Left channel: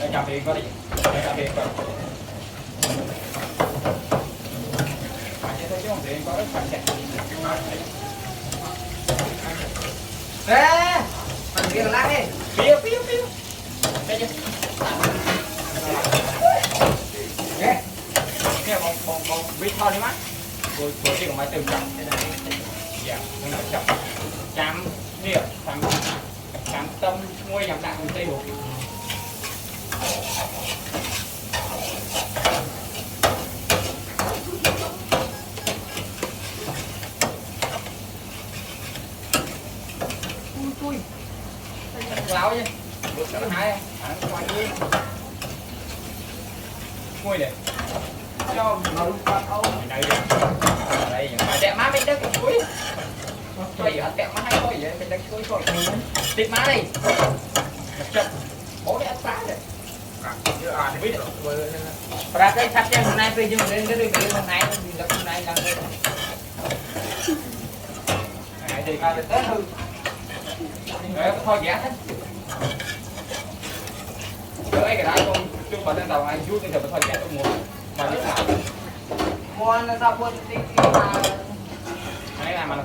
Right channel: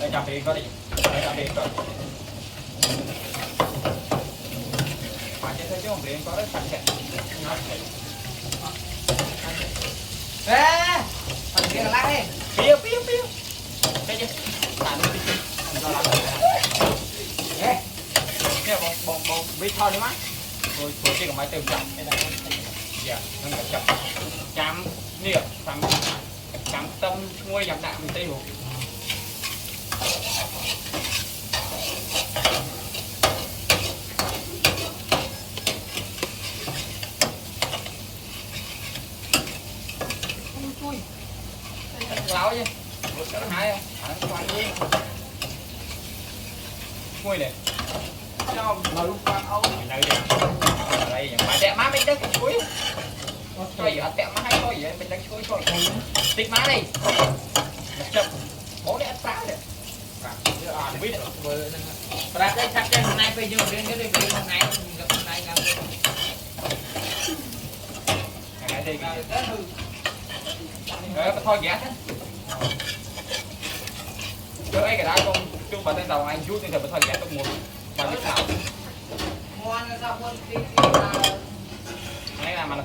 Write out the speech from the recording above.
Đây chạm đi có đi. Đây chạm đi có. Phải như thế chứ không thể có phải chạy. Ê, phần kia lát đi. Piu piu piu. Đây chứ. Nè bông vít thôi đi má. Rồi cái máy từ chậm cái này. Dạ, nó chậm. Chạm nè, chạm tâm ngôi nhầm lại một tí. Ui, láo chứ, được cái hai không? Quay đi, quay này, cho người con ấu này đây, đây những cái đẹp má bên đất của cuối, coi giờ đẹp má hay coi giờ bên đất cuối coi tiếp má đi, chậm, bố để phá đấy, thì biết được, và cái thắt chân hôm nay bây giờ lên cái bên hôm nay là cái thì ta được tới hư. Đấy, thôi giá hết. Cái đó con chung vào trên tàu anh chút thì thôi giá tôi mua. Bao nhiêu nào? Mua nó ra mua tí nào. Đấy là mà nó